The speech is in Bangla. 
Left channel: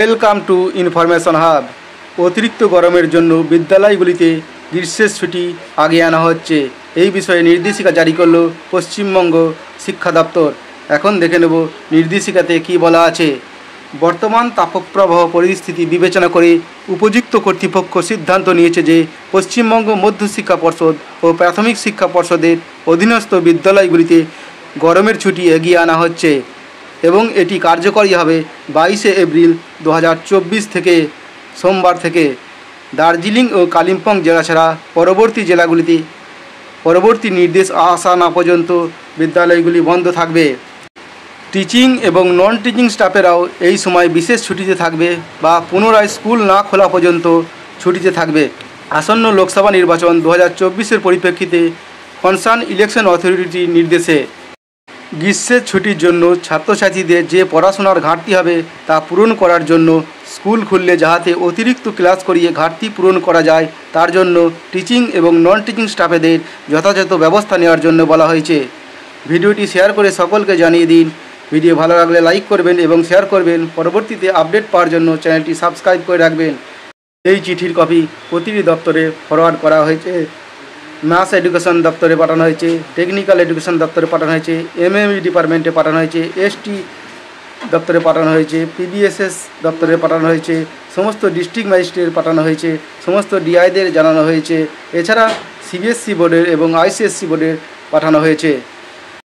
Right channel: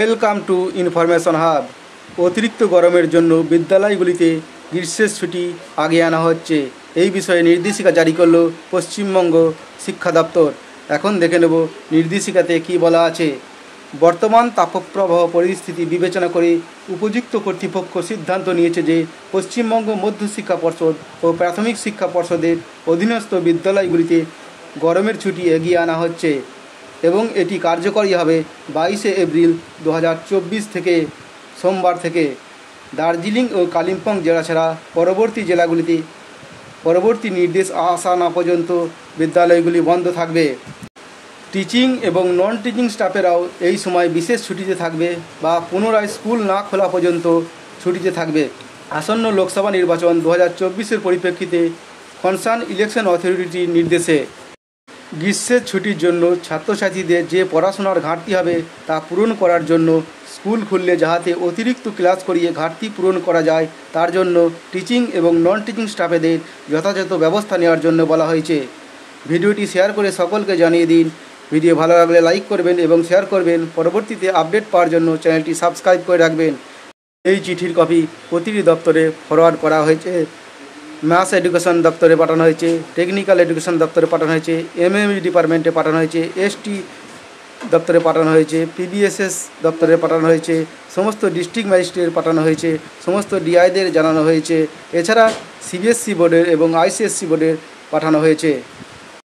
Welcome to information hub. অতিরিক্ত গরমের জন্য বিদ্যালয়গুলিতে গ্রীষ্মের ছুটি আগে আনা হচ্ছে, এই বিষয়ে নির্দেশিকা জারি করল পশ্চিমবঙ্গ শিক্ষা দপ্তর। এখন দেখে নেব নির্দেশিকাতে কি বলা আছে। বর্তমান তাপপ্রবাহ পরিস্থিতি বিবেচনা করে উপযুক্ত কর্তৃপক্ষ সিদ্ধান্ত নিয়েছে যে পশ্চিমবঙ্গ মধ্যশিক্ষা পর্ষদ ও প্রাথমিক শিক্ষা পর্ষদের অধীনস্থ বিদ্যালয়গুলিতে গরমের ছুটি এগিয়ে আনা হচ্ছে এবং এটি কার্যকরী হবে 22শে এপ্রিল 2024 থেকে সোমবার থেকে। দার্জিলিং ও কালিম্পং জেলা ছাড়া পরবর্তী জেলাগুলিতে পরবর্তী নির্দেশ আসা না পর্যন্ত বিদ্যালয়গুলি বন্ধ থাকবে। টিচিং এবং নন টিচিং স্টাফেরাও এই সময় বিশেষ ছুটিতে থাকবে বা পুনরায় স্কুল না খোলা পর্যন্ত ছুটিতে থাকবে। আসন্ন লোকসভা নির্বাচন 2024-এর পরিপ্রেক্ষিতে কনসার্ন ইলেকশন অথরিটির নির্দেশে গ্রীষ্মের ছুটির জন্য ছাত্রছাত্রীদের যে পড়াশোনার ঘাটতি হবে তা পূরণ করার জন্য স্কুল খুললে যাতে অতিরিক্ত ক্লাস করিয়ে ঘাটতি পূরণ করা যায় তার জন্য টিচিং এবং নন টিচিং স্টাফেদের যথাযথ ব্যবস্থা নেওয়ার জন্য বলা হয়েছে। ভিডিওটি শেয়ার করে সকলকে জানিয়ে দিন। ভিডিও ভালো লাগলে লাইক করবেন এবং শেয়ার করবেন। পরবর্তীতে আপডেট পাওয়ার জন্য চ্যানেলটি সাবস্ক্রাইব করে রাখবেন। এই চিঠির কপি প্রতিটি দপ্তরে ফরওয়ার্ড করা হয়েছে। ম্যাথস এডুকেশন দপ্তরে পাঠানো হয়েছে, টেকনিক্যাল এডুকেশন দপ্তরে পাঠানো হয়েছে, এমএমই ডিপার্টমেন্টে পাঠানো হয়েছে, এসটি দপ্তরে পাঠানো হয়েছে, পিবিএসএস দপ্তরে পাঠানো হয়েছে, সমস্ত ডিস্ট্রিক্ট ম্যাজিস্ট্রেট পাঠানো হয়েছে, সমস্ত ডিআইদের জানানো হয়েছে। এছাড়া সিবিএসসি বোর্ডের এবং আইসিএসসি বোর্ডের পাঠানো হয়েছে।